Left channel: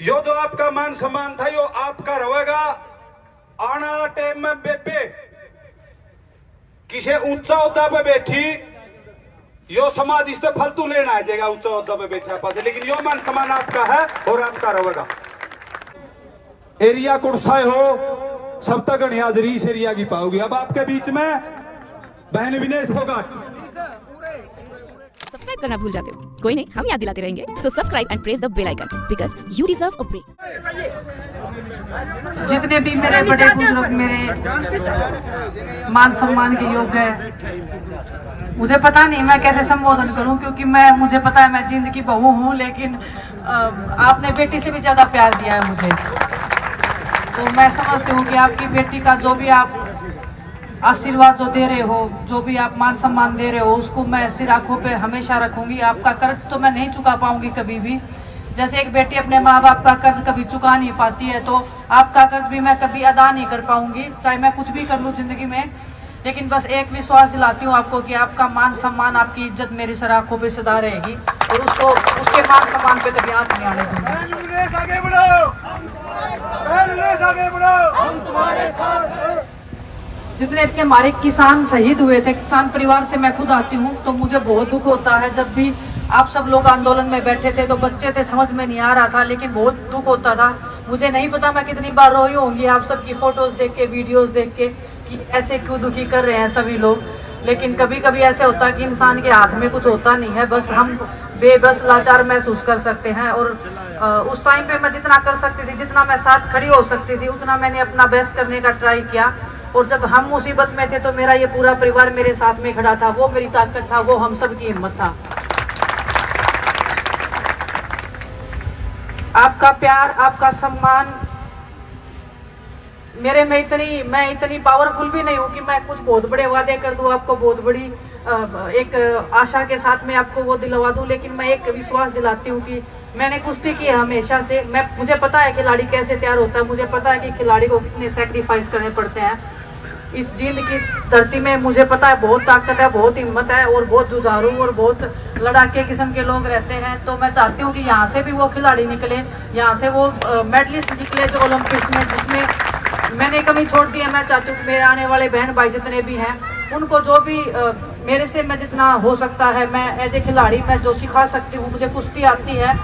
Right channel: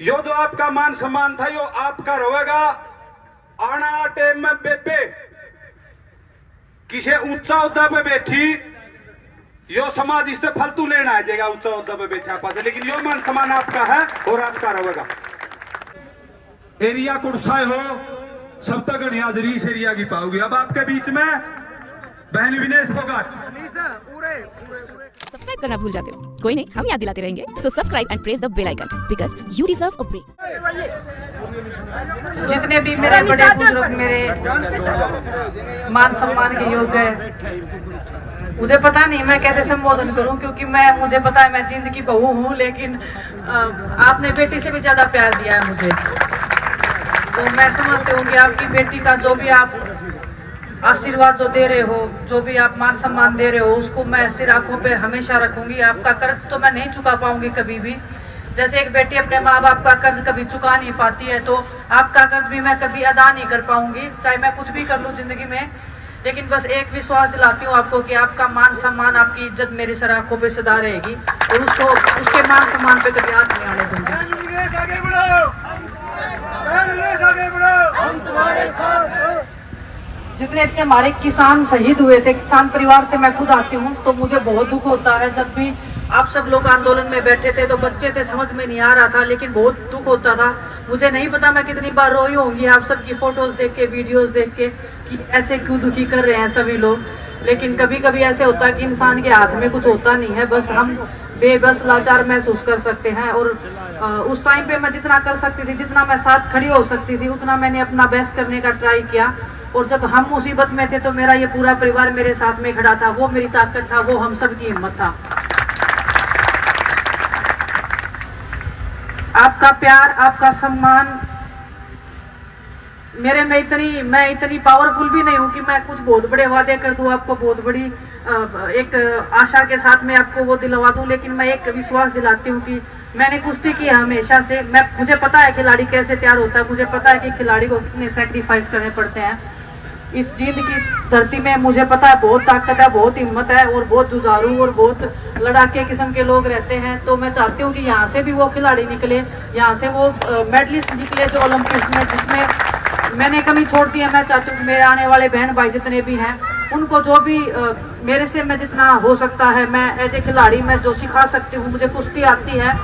यो जो आपका मान सम्मान था यो आपका रहेगा। आने वाला टाइम में बेबे किसी ऊंचा उद्दा पे बैठी यो समाज इससे फालतू लेना आ जाएगा ऊंचा उद्दा पे बैठा पास, लेकिन यो मान सम्मान आपका है और आपका रहेगा। एरिया कुर्साए हो सब तक हाजरी इस एरिया की पाओगी। अब आपके बीच में बहन विनेश फोगाट। सब्सक्राइब करना भूल जाते हो, कोई नहीं, हम याद दिलाते रहेंगे। So subscribe and press the bell icon because you deserve a break. जितने भी मेरे बड़े बुजुर्ग मेरे मान सम्मान के योग्य है, मुझे पता नहीं मैं कैसे संबोधन करूं, क्योंकि मुझे पता है मैं जिंदगी बहू हूं, लेकिन आपने बेटी से भी ज्यादा प्यार दिया है मुझे। तो मैं समझती हूँ कि आपकी बेटी का जो भी आप आशीर्वाद जो दे रहे हो, जो भी आप मान सम्मान दे रहे हो, उसको मैं सिर आंखों पे हमेशा रखूंगी। आपका कर्ज तो मैं नहीं चुका पाऊंगी कभी भी। जैसे एक बेटी अपने माँ बाप का कर्ज कभी चुका नहीं पाती है, तो आपका कर्ज भी मैं कभी अदा नहीं कर पाऊंगी, चाहे मैं कुछ भी कर लूँ जिंदगी में। लेकिन बस एक विश्वास दिलाती हूँ आपको कि आपका मान सम्मान, आपकी इज्जत मेरी सर आंखों पे सदा रहेगी और उसको उसके मान सम्मान पे कभी हाथ नहीं आने दूंगी। जितने भी हमारे किसान शहीद हुए थे, किसान परिवार से मैं खुद आती हूँ, तो मुझे बहुत दुख होता है। जब भी आप सब लोग आंदोलन में बैठे थे तो बच्चे थे, समझ में नहीं आ रहा था, लेकिन बहुत दुख होता था। मुझे नहीं पता मैं कितनी बार रोई होंगी आप सबकी फोटोज देख के, वीडियोस देख के कि ऐसे क्यों दुखी कर रहे हैं सभी लोग। लेकिन कभी कभी ऐसे होता है कि इंसान के हाथ में कुछ होता नहीं है, बस हम बेबस लाचार महसूस कर सकते हैं। और उस टाइम पे मैं जितना कर सकती थी, जितना मैं साथ खड़ी हो सकती थी, उतना मैंने अपना बेस्ट करने का ट्राई किया। और जब हम मुसीबत में थे तो मेरा ये पूरा परिवार मेरे साथ में खड़ा था, वो मेरी ताकत था, वो हम सब की हिम्मत था। आपका प्यार, आपका सम्मान मैं इतनी पावरफुल भी नहीं हूँ कि मैं कुछ बहुत बड़े वादे कर दूं आपको, बहुत बड़ी एक आशा के साथ में आपको वो दिलवा दूं। लेकिन मैं एक विश्वास दिलाती हूँ कि मैंने कुश्ती की है हमेशा से। मुझे पता है खिलाड़ी कैसे तैयार होता है, मुझे पता है कि खिलाड़ी को कितने सैक्रिफाइस करने पड़ते हैं। इस जीत की धरती में मुझे पता है बहुत ताकत है, बहुत हिम्मत है और बहुत जुझारू और बहुत लड़ाके किस्म के लोग रहते हैं। तो मैं चाहती हूँ कि यहाँ से भी वो खिलाड़ी निकले, यहाँ से वो मेडलिस्ट निकले जो ओलंपिक्स में, जिसमें मैंने कमी छोड़ दी है। मैं चाहती हूँ कि मेरे आने वाले बहन भाई जितने भी हैं, उनको जो भी मेरे से मैं जितना हो सकता है, मैं एज ए खिलाड़ी मैं जो सिखा सकती हूँ। मुझे कुश्ती आती है,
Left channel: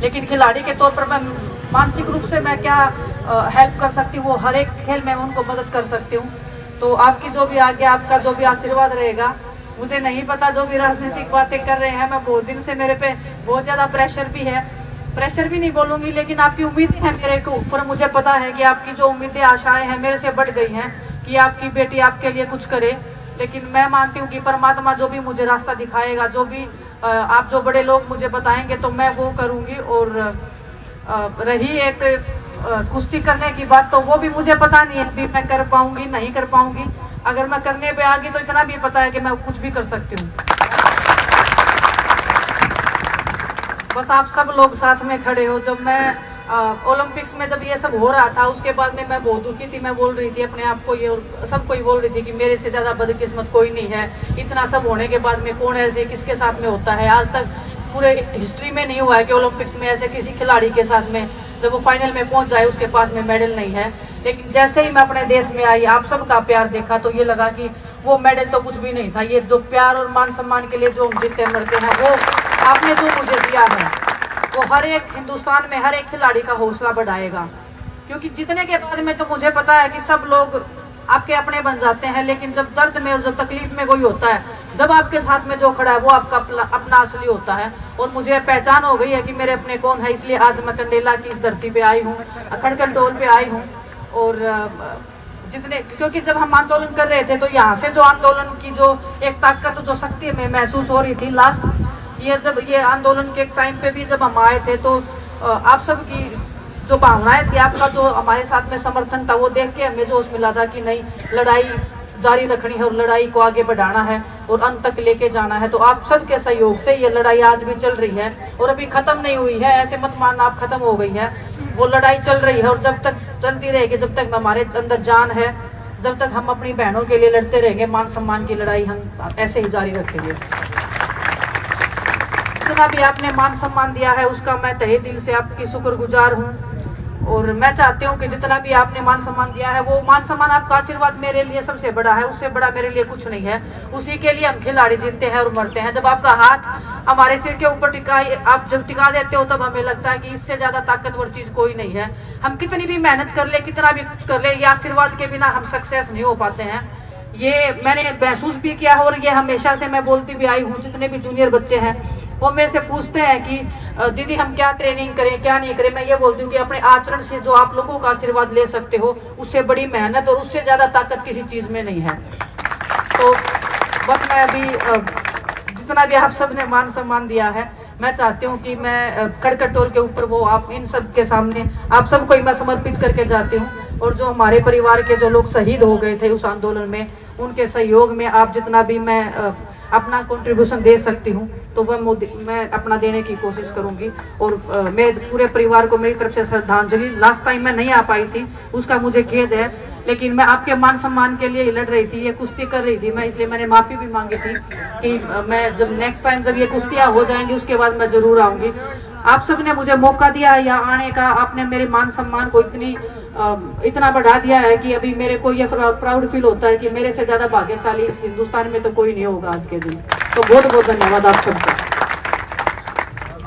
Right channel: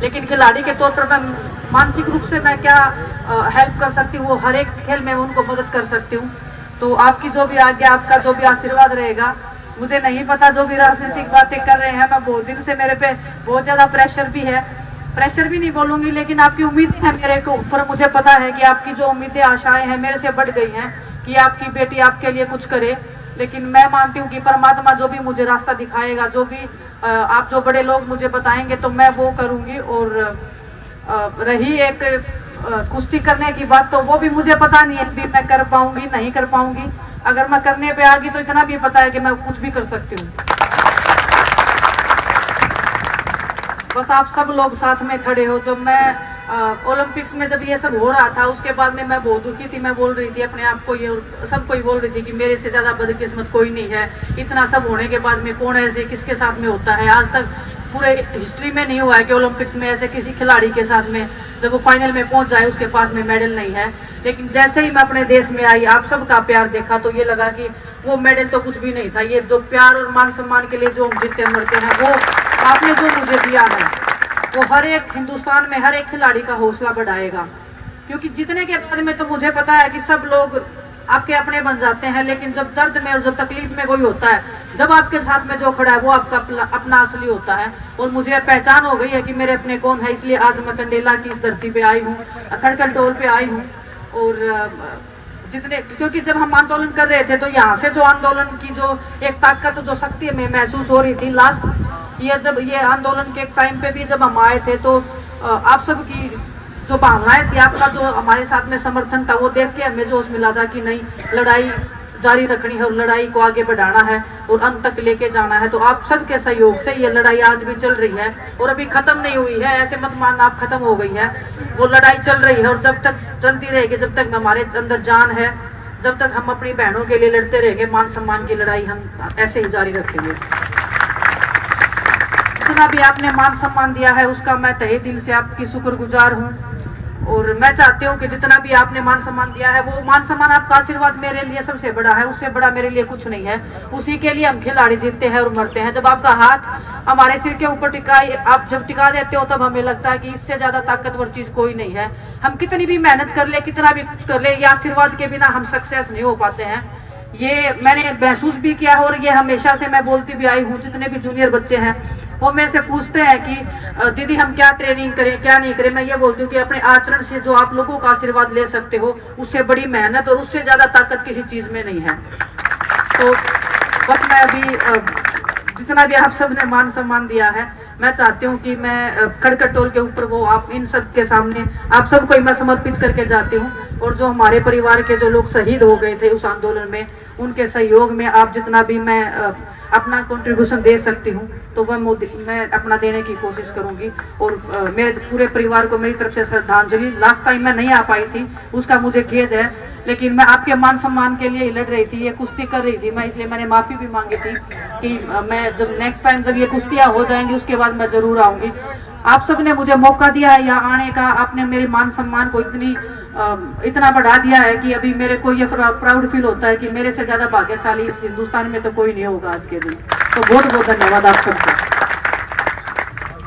लेकिन खिलाड़ी के तौर पर मैं मानसिक रूप से मैं क्या हेल्प कर सकती हूँ, वो हर एक खेल में उनको मदद कर सकती हूँ। तो आपकी जो भी आज्ञा, आपका जो भी आशीर्वाद रहेगा। मुझे नहीं पता जो भी राजनीतिक बातें कर रहे हैं, मैं बहुत दिन से मेरे पे बहुत ज़्यादा प्रेशर भी है, प्रेशर भी नहीं बोलूँगी, लेकिन आपकी उम्मीदें हैं मेरे को ऊपर। मुझे पता है कि आपकी जो उम्मीदें, आशाएं हैं मेरे से बढ़ गई हैं कि आपकी बेटी आपके लिए कुछ करे। लेकिन मैं मानती हूँ कि परमात्मा जो भी मुझे रास्ता दिखाएगा, जो भी आप जो बड़े लोग मुझे बताएंगे, तो मैं वो करूँगी। और रही एक कुश्ती करने की बात, तो वो भी मुझे पता नहीं है कि मैं कर पाऊंगी नहीं कर पाऊंगी। अगर मैं करने पे आ गई तो इतना भी पता है कि मैं कुछ भी कर सकती हूँ। बस आप सब लोग साथ में खड़े हो। जब मैं ओलंपिक्स में जब ये सब हो रहा था, उसके बाद में मैं बहुत दुखी थी। मैं बोल रही थी अपने आप को, ये और सबको ही बोल रही थी कि मेरे से ज़्यादा बदकिस्मत कोई नहीं है। इतना सब होने के बाद में कौन ऐसे किसके साथ में होता है? आज तक पूरे हिस्ट्री में नहीं हुआ है कि ओलंपिक्स में ऐसे किसी खिलाड़ी के साथ में जब वो फाइनल में पहुंच जाए उसके पास में मेडल नहीं है। लेकिन जैसे ही मैं अपने देश में आई, आप सबका प्यार देखा, तो ये लगा कि वो मेडल तो कुछ भी नहीं था। ये जो प्यार और मान सम्मान के लिए जो हम जीते मरते हैं, वो आपने जो मुझे दिया है, वो हर एक हिंदुस्तान में हर एक खिलाड़ी का हौसला बढ़ाएगा। क्योंकि जीतने के बाद में तो मुझे पता है कि सब लोग आपके अपने बन जाते हैं, लेकिन जब दर्द में और जब तकलीफ में कोई होता है, जब आपके साथ में जो खड़ा है वो आपका अपना असली होता है। और मुझे पहचान हो गई है कि मेरे अपने कौन है, इसलिए आज मैं कंडेला की इस धरती पे आई हूँ, खड़कंटोल पे आई हूँ। और क्योंकि जब हम आंदोलन कर रहे थे, तो यहाँ से जो आंदोलन की जो एक ताकत, जो शक्ति में महसूस हो रही थी लास्ट ईयर, जब ये आंदोलन के टाइम पे भी जब हम आए थे, तो आप सब की जो भावनाएं थी, आपका जो हमारे साथ में समर्थन था, वो देख के हमें जोश मिला था कि नहीं, लड़ाई जारी रखनी है और लड़ाई को आगे बढ़ाना है और अंत तक लेके जाना है। तो आप सबके सहयोग से ये लड़ाई आज भी चल रही है और अभी खत्म नहीं हुई है। ऐसे मत मानना आप खत्म हो गई है, वो लड़ाई चल रही है और जब तक चलती रहेगी, जब तक हमारे अंदर जान है, जब तक हम अपनी बहनों के लिए लड़ते रहेंगे, मान सम्मान की लड़ाई हम ऐसे ही जारी रखेंगे। जितना भी आपने मान सम्मान दिया है उसका मैं तहे दिल से आपकी शुक्रगुजार हूँ। और मैं चाहती हूँ कि जितना भी आपने मान सम्मान दिया है वो मान सम्मान आपका आशीर्वाद मेरे लिए सबसे बड़ा है, उससे बड़ा मेरे लिए कुछ नहीं है। उसी के लिए हम खिलाड़ी जीतते हैं और मरते हैं। जब आपका हाथ हमारे सिर के ऊपर आप जब टिका देते हो तब हमें लगता है कि इससे ज्यादा ताकतवर चीज कोई नहीं है। हम कितनी भी मेहनत कर ले, कितना भी कुछ कर ले, ये आशीर्वाद के बिना हम सक्सेस नहीं हो पाते हैं। ये मैंने महसूस भी किया है और ये हमेशा से मैं बोलती भी आई हूँ। जितने भी जूनियर बच्चे हैं वो मेरे से पूछते हैं कि दीदी हम क्या ट्रेनिंग करें, क्या नहीं करें। मैं ये बोलती हूँ कि अपने आचरण से जो आप लोगों का आशीर्वाद ले सकते हो उससे बड़ी मेहनत और उससे ज्यादा ताकत किसी चीज में नहीं है। तो बस मैं अभी जितना भी आप सब ने मान सम्मान दिया है, मैं चाहती हूँ कि मैं खड़कटोल के ऊपर वो आप इन सब के सामने आप सबको मैं समर्पित करके जाती हूँ। और जो हमारे परिवार के जो लोग शहीद हो गए थे उस आंदोलन में, उनके सहयोग में आप जितना भी मैं अपना कंट्रीब्यूशन दे सकती हूँ तो वह मैं अपना देने की कोशिश करूँगी। और मैं पूरे परिवार को मेरी तरफ से श्रद्धांजलि। लास्ट टाइम मैं नहीं आ पाई थी, उसका मुझे खेद है, लेकिन मैं आपके मान सम्मान के लिए लड़ रही थी, ये कुश्ती कर रही थी मैं, इसलिए मैंने माफ़ी भी मांगी थी कि मैं जब नेक्स्ट टाइम जब ये कुश्तियाँ हो जाएंगी उसके बाद मैं ज़रूर आऊँगी। आप सब ने मुझे मौका दिया है यहाँ आने का, आपने मेरे मान सम्मान को इतना बढ़ा दिया है कि अभी मेरे को ये प्राउड फील होता है कि मेरे से ज़्यादा भाग्यशाली इस हिंदुस्तान में तो कोई नहीं होगा आज के दिन। तो बहुत बहुत धन्यवाद आप सबको।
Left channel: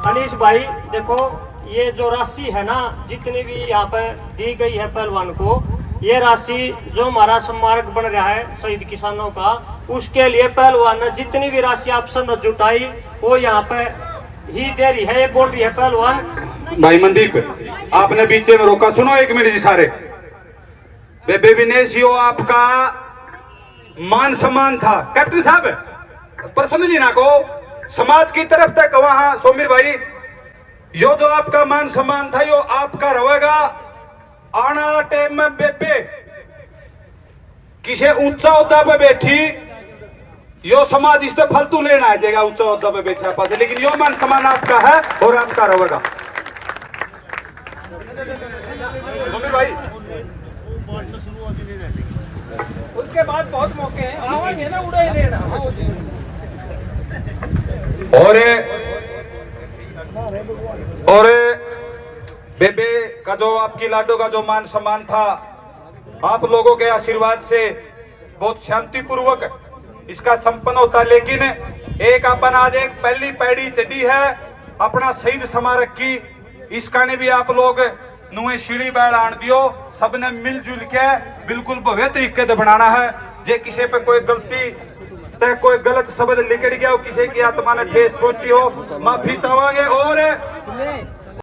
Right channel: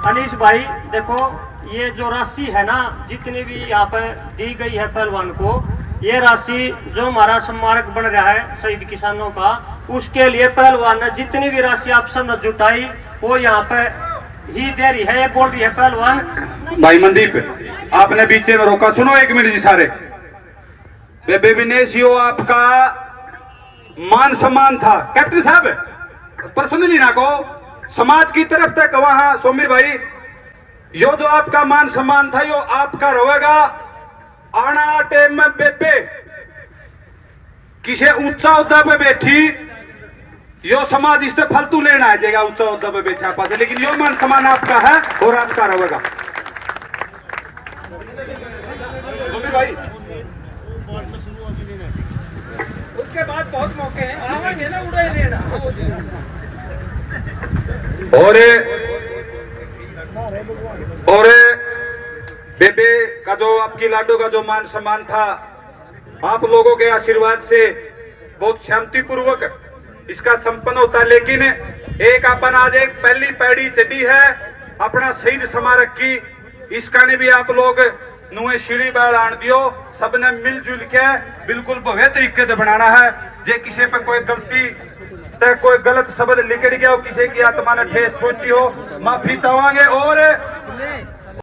अनीश भाई देखो, ये जो राशि है ना जितनी भी यहाँ पे दी गई है पहलवान को, ये राशि जो हमारा स्मारक बन रहा है शहीद किसानों का, उसके लिए पहलवान ने जितनी भी राशि आप सब ने जुटाई वो यहाँ पे ही दे रही है। ये बोल रही है पहलवान। भाई मनदीप आपने बीच में रोका, सुनो एक मिनट जी सारे। बेबे विनेश यो आपका मान सम्मान था कैप्टन साहब, पर्सनली ना को समाज की तरफ तक वहां सोमिर भाई, यो जो आपका मान सम्मान था यो आपका रहेगा। आने वाला टाइम में बेबे किसी ऊंचा उद्दा पे बैठी यो समाज इससे फालतू लेना आ जाएगा ऊंचा उद्दा पे बैठा पास, लेकिन यो मान सम्मान आपका है और आपका रहेगा। सोमिर भाई उसके बाद बहुत मौके हैं, आवाज़ ना उड़े लेना। और बेबे का जो आपकी लाडो का जो मान सम्मान था, आप लोगों के आशीर्वाद से बहुत शांतिपूर्वक इसका संपन्न होता। लेकिन एक अपन आज एक पहली पैड़ी चढ़ी है अपना शहीद स्मारक की, इसका ने भी आप लोग नुए सीढ़ी बैल आन दियो, सबने मिलजुल के बिल्कुल भव्य तरीके से बनाना है। जे किसी पे कोई गलती ते कोई गलत शब्द लिखड़ गया हो, किसी की आत्मा ने ठेस पहुंची हो, माफी चाहेंगे। और